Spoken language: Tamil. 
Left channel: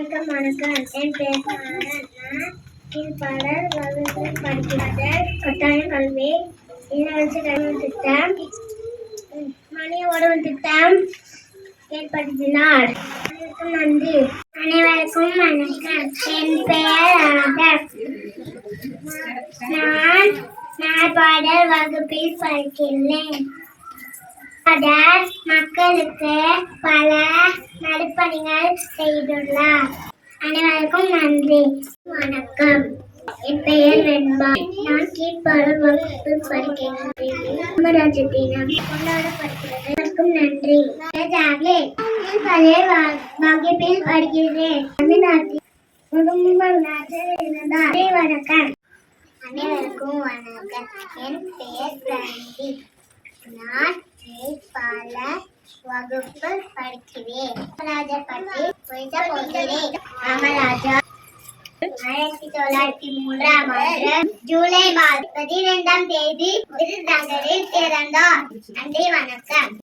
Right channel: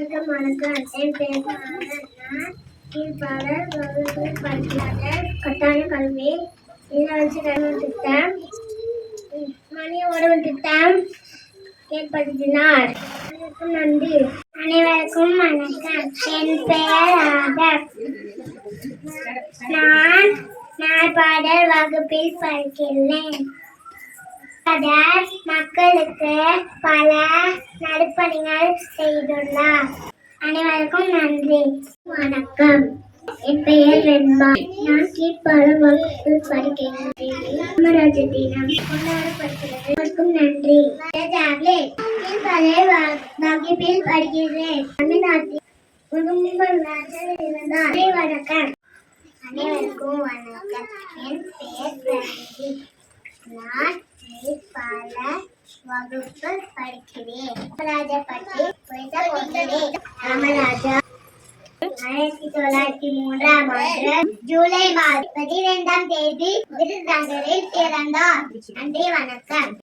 வணக்கம். என் பேர் கீழ்ப்பாளர் வகுப்பில் படிக்கிறார். கட்டாய கல்வி, இலவச கல்வி திட்டம், மணிய உணவு திட்டம் ஏற்படுத்தினார். அனைவருக்கும் நன்றி. அனைவருக்கும் வணக்கம். என் பெயர் ஆதர். நான் நாய்பாடல் வகுப்பில் படிக்கிறேன். மக்களுக்கு பல நற்பணிகள் செய்துள்ளார். அனைவருக்கும் நன்றி. வணக்கம். என் பெயர் வெண்பா. நான் கீழ்ப்பாளர் வகுப்பில் படிக்கிறேன். காமராஜர் தினம் கொண்டாடப்படுகிறது. அனைவருக்கும் நன்றி. கீழ்ப்பாளர் வகுப்பில் படிக்கிறேன். தமிழ்நாட்டில் இருந்தார். வணக்கம். அனைவருக்கும் வணக்கம். என் பெயர் பிரந்தி. நான் கீழ்ப்பாளர் வகுப்பில் படிக்கிறேன். காமராஜர் பற்றி பேச போகிறேன். காமராஜர் 1903 ஜூலை 12 விருதுநகரில் பிறந்தார். நன்றி. வணக்கம்.